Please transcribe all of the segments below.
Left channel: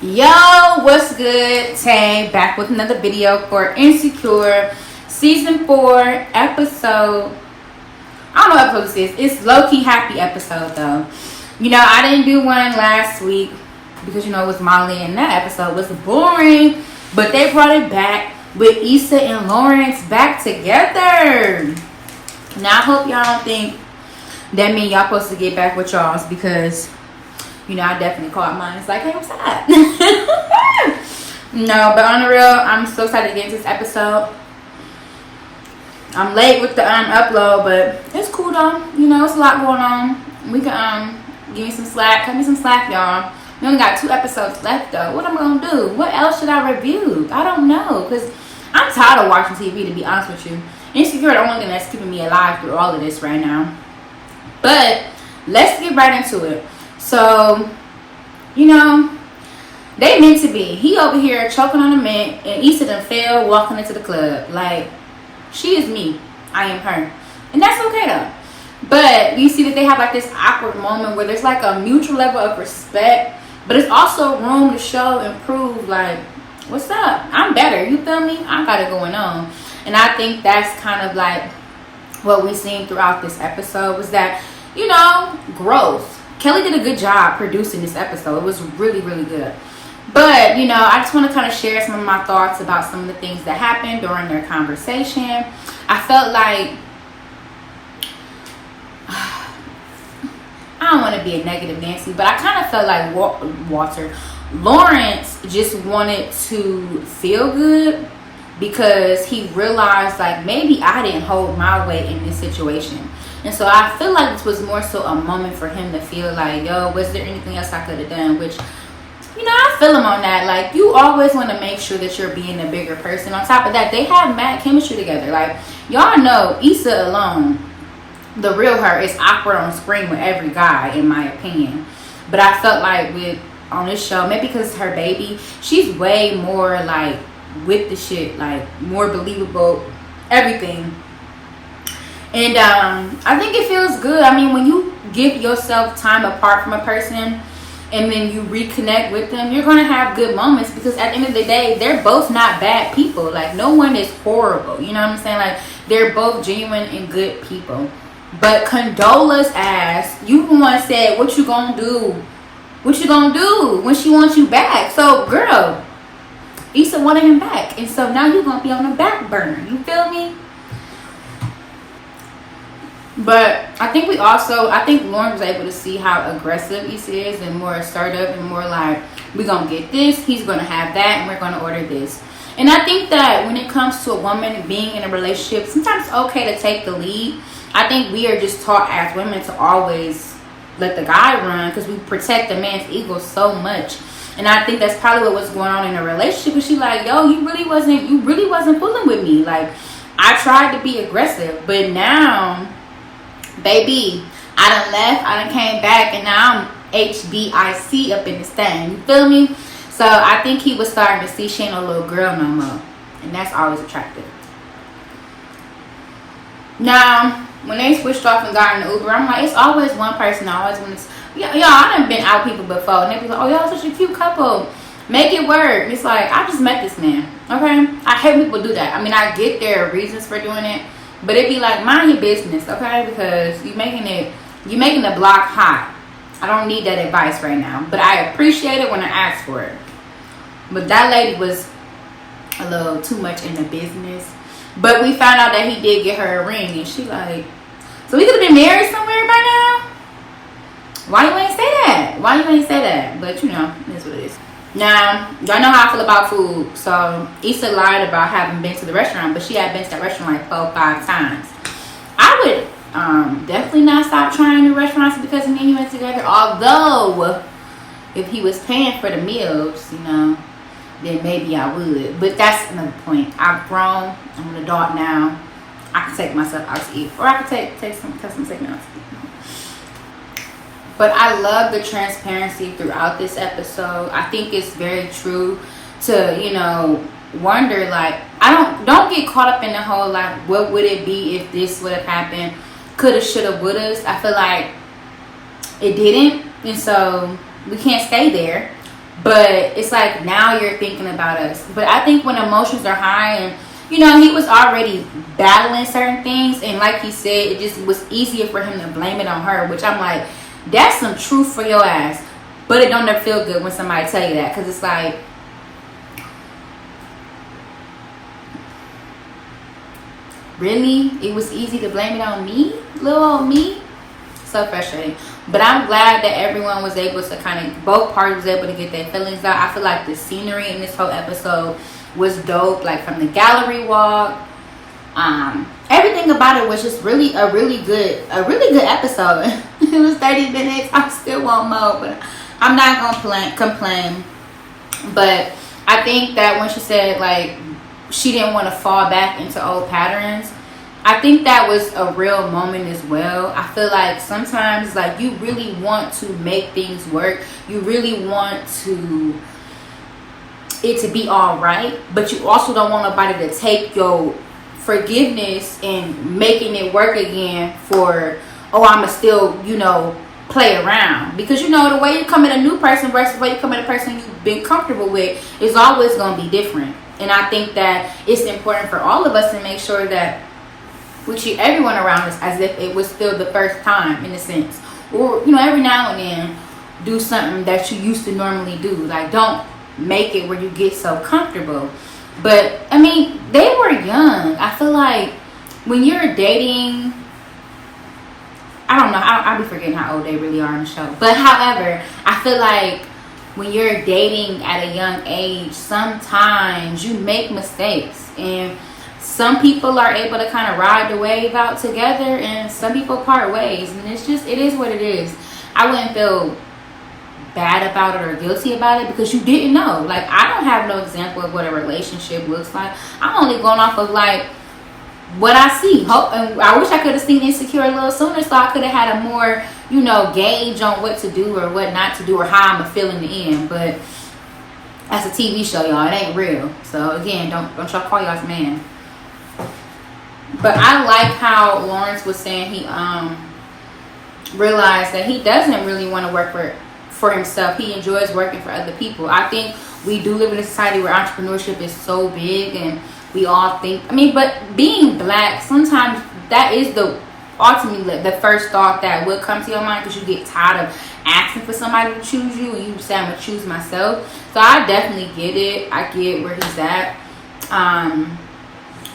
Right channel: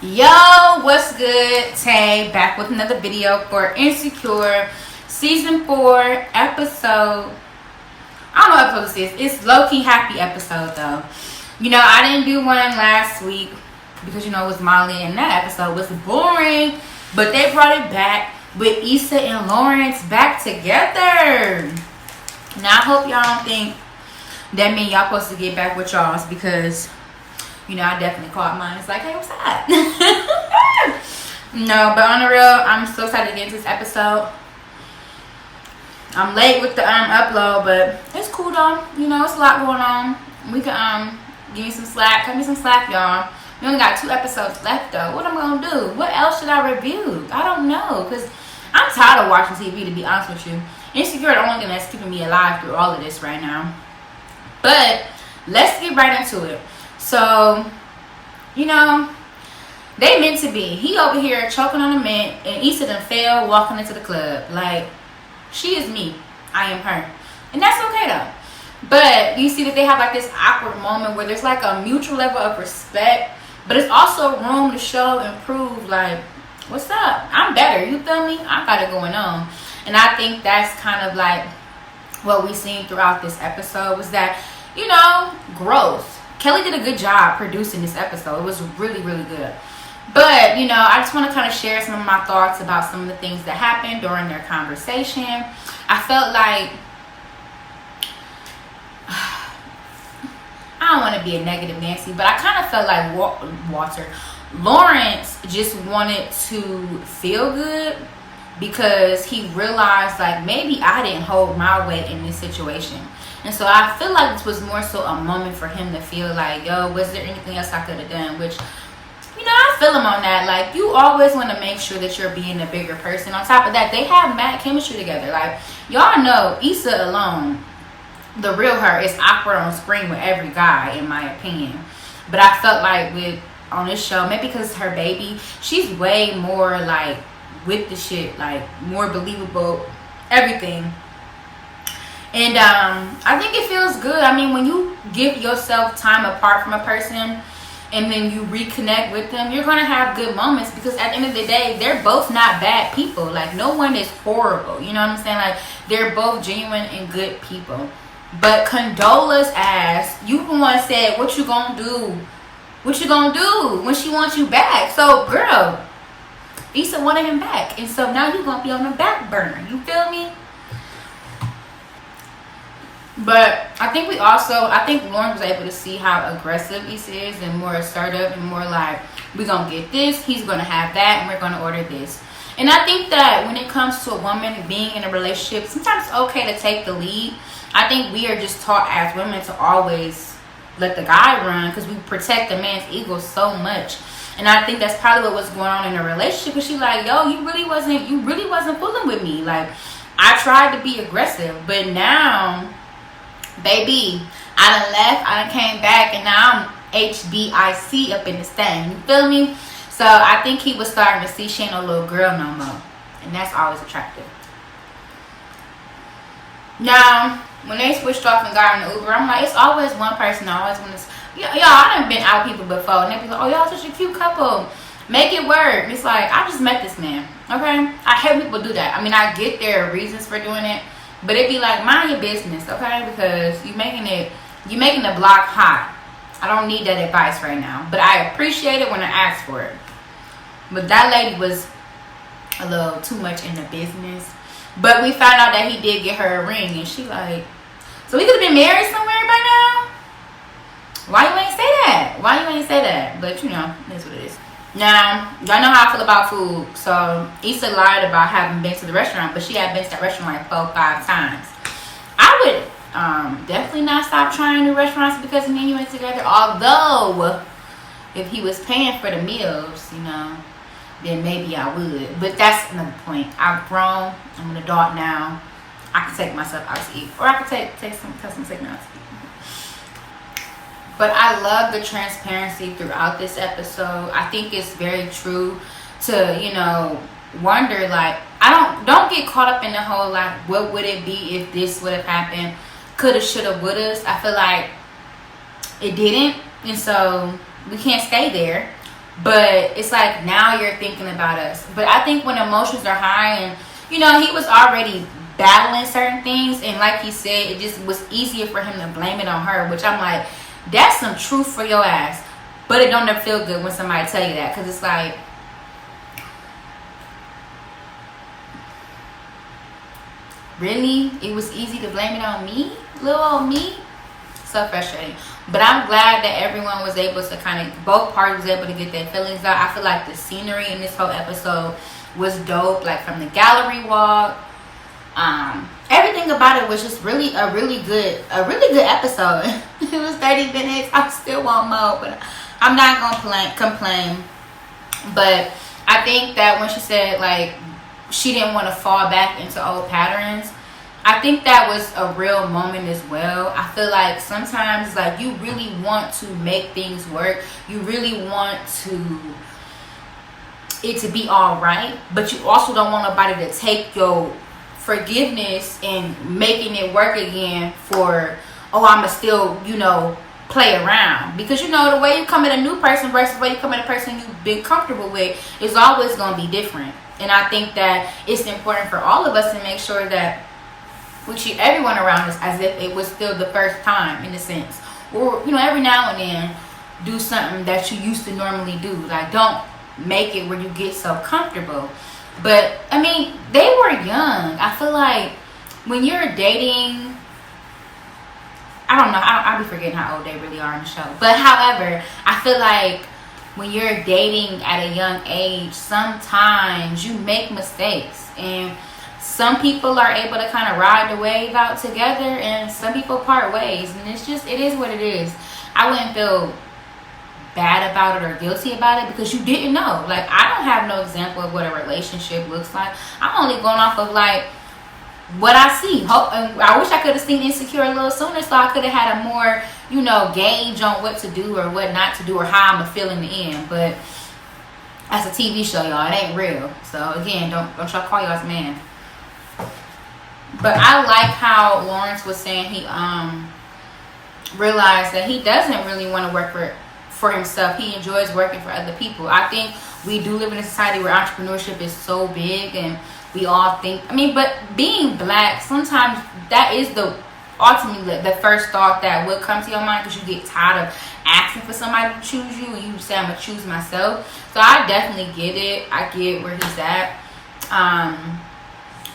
Yo, what's good? Tay back with another video for Insecure season 4 episode. I don't know what episode this is. It's low-key happy episode though. I didn't do one last week because it was Molly and that episode was boring. But they brought it back with Issa and Lawrence back together. Now I hope y'all don't think that means y'all supposed to get back with y'all's because I definitely caught mine. It's like, hey, what's up? No, but on the real, I'm so excited to get into this episode. I'm late with the upload, but it's cool though. It's a lot going on. We can give me some slack, cut me some slack, y'all. We only got 2 episodes left though. What am I gonna do? What else should I review? I don't know, cause I'm tired of watching TV. To be honest with you, Insecure the only thing that's keeping me alive through all of this right now. But let's get right into it. So, they meant to be. He over here choking on a mint, and Issa done fell walking into the club. Like, she is me. I am her. And that's okay, though. But you see that they have, like, this awkward moment where there's, like, a mutual level of respect. But it's also room to show and prove, like, what's up? I'm better. You feel me? I got it going on. And I think that's kind of, like, what we seen throughout this episode was that, growth. Kelly did a good job producing this episode. It was really, really good. But, I just want to kind of share some of my thoughts about some of the things that happened during their conversation. I felt like, I don't want to be a negative Nancy, but I kind of felt like Lawrence just wanted to feel good because he realized, like, maybe I didn't hold my weight in this situation. And so I feel like this was more so a moment for him to feel like, yo, was there anything else I could have done? Which, I feel him on that. Like, you always want to make sure that you're being a bigger person. On top of that, they have mad chemistry together. Like, y'all know Issa alone, the real her, is awkward on screen with every guy, in my opinion. But I felt like on this show, maybe because it's her baby, she's way more, like, with the shit. Like, more believable, everything. And I think it feels good. I mean, when you give yourself time apart from a person and then you reconnect with them, you're going to have good moments because at the end of the day, they're both not bad people. Like, no one is horrible. You know what I'm saying? Like, they're both genuine and good people. But Condola's ass, you the one said, what you gonna do? What you gonna do when she wants you back? So, girl, Issa wanted him back. And so now you're going to be on the back burner. You feel me? But I think Lauren was able to see how aggressive Issa is and more assertive and more like, we're going to get this, he's going to have that, and we're going to order this. And I think that when it comes to a woman being in a relationship, sometimes it's okay to take the lead. I think we are just taught as women to always let the guy run because we protect the man's ego so much. And I think that's probably what was going on in a relationship. Because she's like, yo, you really wasn't fooling with me. Like, I tried to be aggressive, but now, baby, I done left, I done came back, and now I'm HBIC up in this thing. You feel me? So I think he was starting to see she ain't no little girl no more. And that's always attractive. Now, when they switched off and got in the Uber, I'm like, it's always one person I always want to... Y'all, I done been out with people before, and they be like, oh, y'all such a cute couple. Make it work. And it's like, I just met this man, okay? I hate when people do that. I mean, I get their reasons for doing it, but it be like, mind your business, okay? Because you're making the block hot. I don't need that advice right now, but I appreciate it when I ask for it. But that lady was a little too much in the business. But we found out that he did get her a ring, and she like, so we could have been married somewhere by now? Why you ain't say that? Why you ain't say that? But it is what it is. Now, y'all know how I feel about food. So Issa lied about having been to the restaurant, but she had been to that restaurant like 4 or 5 times. I would definitely not stop trying new restaurants because me and you went together. Although, if he was paying for the meals, then maybe I would. But that's another point. I've grown. I'm an adult now. I can take myself out to eat. Or I can take some custom take me out to eat. But I love the transparency throughout this episode. I think it's very true to, wonder, like, don't get caught up in the whole, like, what would it be if this would have happened? Coulda, shoulda, wouldas. I feel like it didn't. And so we can't stay there. But it's like now you're thinking about us. But I think when emotions are high, and you know, he was already battling certain things, and like he said, it just was easier for him to blame it on her, which I'm like, that's some truth for your ass. But it don't never feel good when somebody tell you that, because it's like, really? It was easy to blame it on me? Little old me? So frustrating. But I'm glad that everyone was able to kind of, both parties was able to get their feelings out. I feel like the scenery in this whole episode was dope. Like from the gallery walk, everything about it was just really a really good episode. It was 30 minutes. I still want more, but I'm not gonna complain. But I think that when she said like she didn't want to fall back into old patterns, I think that was a real moment as well. I feel like sometimes like you really want to make things work. You really want it to be all right, but you also don't want nobody to take your forgiveness and making it work again for, oh, I'ma still, you know, play around. Because you know, the way you come at a new person versus the way you come at a person you've been comfortable with is always going to be different. And I think that it's important for all of us to make sure that we treat everyone around us as if it was still the first time, in a sense. Or, you know, every now and then do something that you used to normally do. Like, don't make it where you get so comfortable. But I mean, they were young. I feel like when you're dating, I don't know, I'll be forgetting how old they really are in the show. But however, I feel like when you're dating at a young age, sometimes you make mistakes, and some people are able to kind of ride the wave out together, and some people part ways, and it's just, it is what it is. I wouldn't feel bad about it or guilty about it, because you didn't know. Like, I don't have no example of what a relationship looks like. I'm only going off of like what I see. And I wish I could have seen Insecure a little sooner, so I could have had a more, you know, gauge on what to do or what not to do, or how I'm gonna feel in the end. But that's a TV show, y'all. It ain't real. So again, don't try to call y'all's man. But I like how Lawrence was saying he realized that he doesn't really want to work for himself. He enjoys working for other people. I think we do live in a society where entrepreneurship is so big, and we all think, I mean, but being black, sometimes that is ultimately the first thought that would come to your mind, because you get tired of asking for somebody to choose you, and you say, I'm gonna choose myself. So I definitely get it. I get where he's at.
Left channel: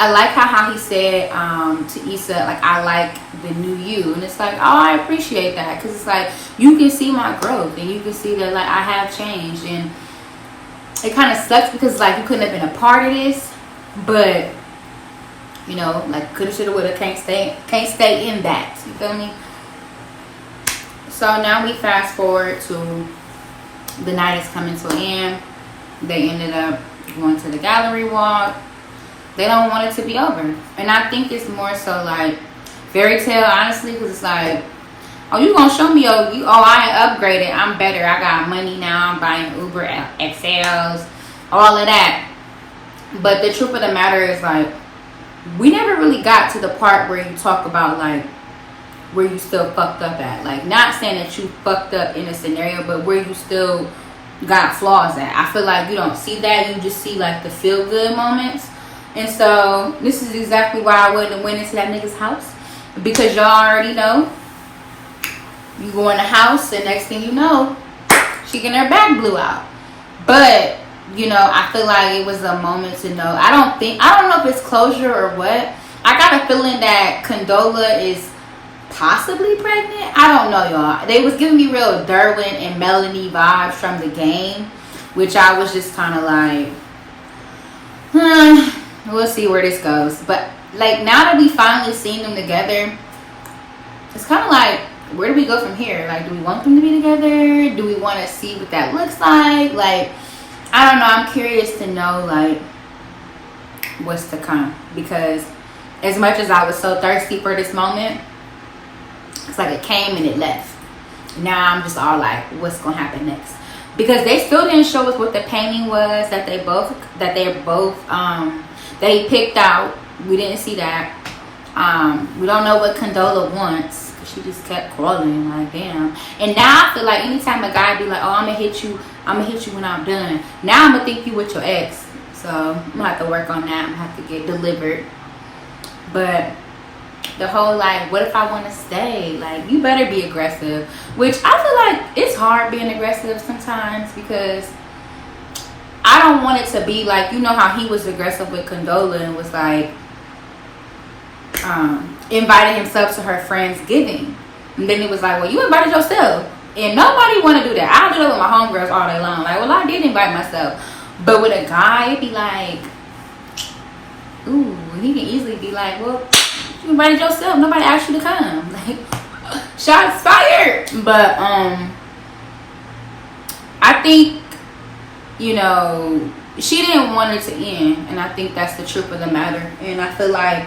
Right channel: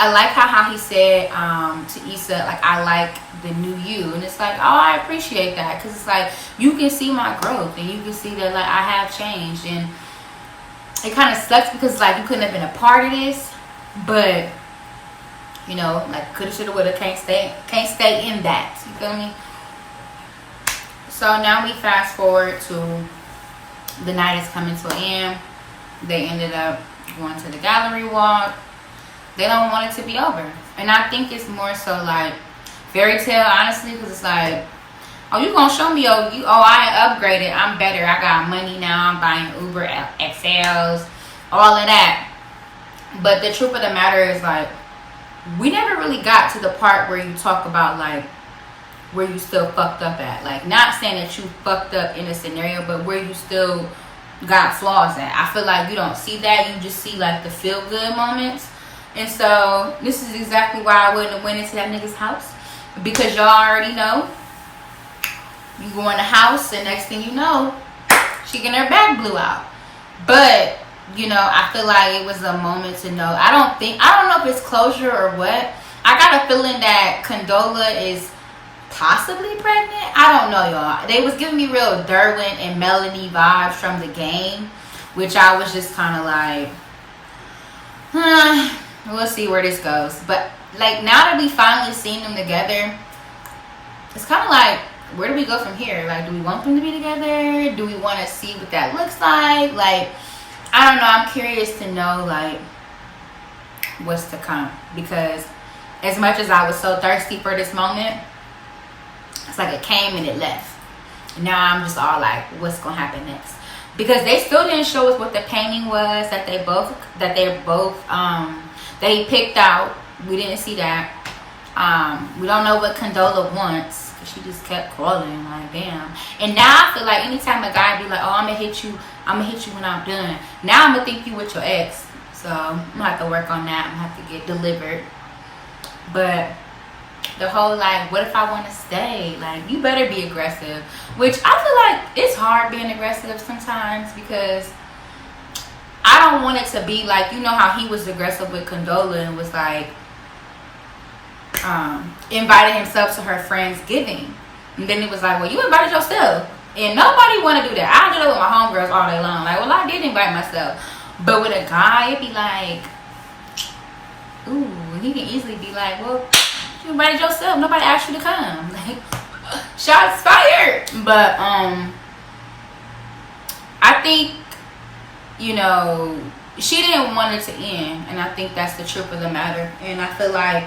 I like how he said to Issa, like, I like the new you. And it's like, oh, I appreciate that. Because it's like, you can see my growth. And you can see that, like, I have changed. And it kind of sucks because, like, you couldn't have been a part of this. But, you know, like, coulda, shoulda, woulda, can't stay in that. You feel me? So now we fast forward to the night is coming to an end. They ended up going to the gallery walk. They don't want it to be over. And I think it's more so like fairy tale, honestly, because it's like, oh, you gonna show me, I upgraded, I'm better, I got money now, I'm buying Uber XLs, all of that. But the truth of the matter is, like, we never really got to the part where you talk about, like, where you still fucked up at. Like, not saying that you fucked up in a scenario, but where you still got flaws at. I feel like you don't see that. You just see, like, the feel good moments. And so this is exactly why I wouldn't have went into that nigga's house, because y'all already know, you go in the house and next thing you know, she getting her back blew out. But you know, I feel like it was a moment to know. I don't know if it's closure or what. I got a feeling that Condola is possibly pregnant. I don't know, y'all. They was giving me real Derwin and Melanie vibes from the game, which I was just kind of like, we'll see where this goes. But like, now that we finally seen them together, it's kind of like, where do we go from here? Like, do we want them to be together? Do we want to see what that looks like? Like, I don't know. I'm curious to know, like, what's to come. Because as much as I was so thirsty for this moment, it's like it came and it left. And now I'm just all like, what's going to happen next? Because they still didn't show us what the painting was that they picked out. We didn't see that. We don't know what Condola wants. she just kept calling, like, damn. And now I feel like anytime a guy be like, oh, I'm gonna hit you when I'm done. Now I'm gonna think you with your ex. So I'm gonna have to work on that. I'm gonna have to get delivered. But the whole, like, what if I want to stay? Like, you better be aggressive. Which I feel like it's hard being aggressive sometimes, because I don't want it to be like, you know how he was aggressive with Condola and was like, invited himself to her Friendsgiving. And then it was like, well, you invited yourself. And nobody want to do that. I do that with my homegirls all day long. Like, well, I did invite myself. But with a guy, it'd be like, ooh, he can easily be like, well, you invited yourself. Nobody asked you to come. Like, shots fired. But I think, you know, she didn't want it to end. And I think that's the truth of the matter. And I feel like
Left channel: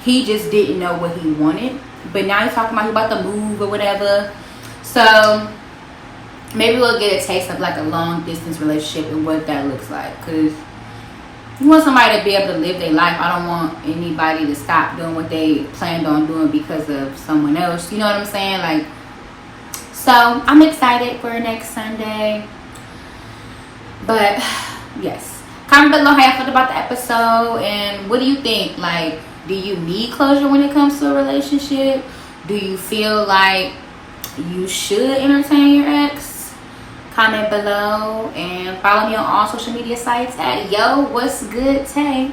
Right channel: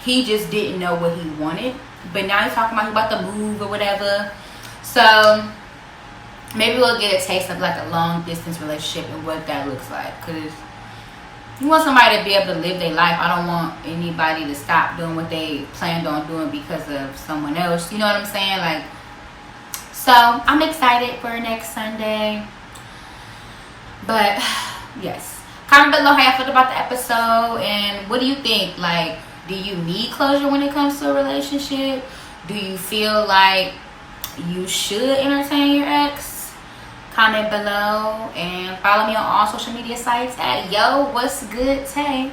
he just didn't know what he wanted. But now he's talking about he about to move or whatever. So maybe we'll get a taste of like a long distance relationship and what that looks like. Because you want somebody to be able to live their life. I don't want anybody to stop doing what they planned on doing because of someone else. You know what I'm saying? Like, so I'm excited for next Sunday. But yes, comment below how you felt about the episode, and what do you think? Like, do you need closure when it comes to a relationship? Do you feel like you should entertain your ex? Comment below and follow me on all social media sites at Yo What's Good Tay.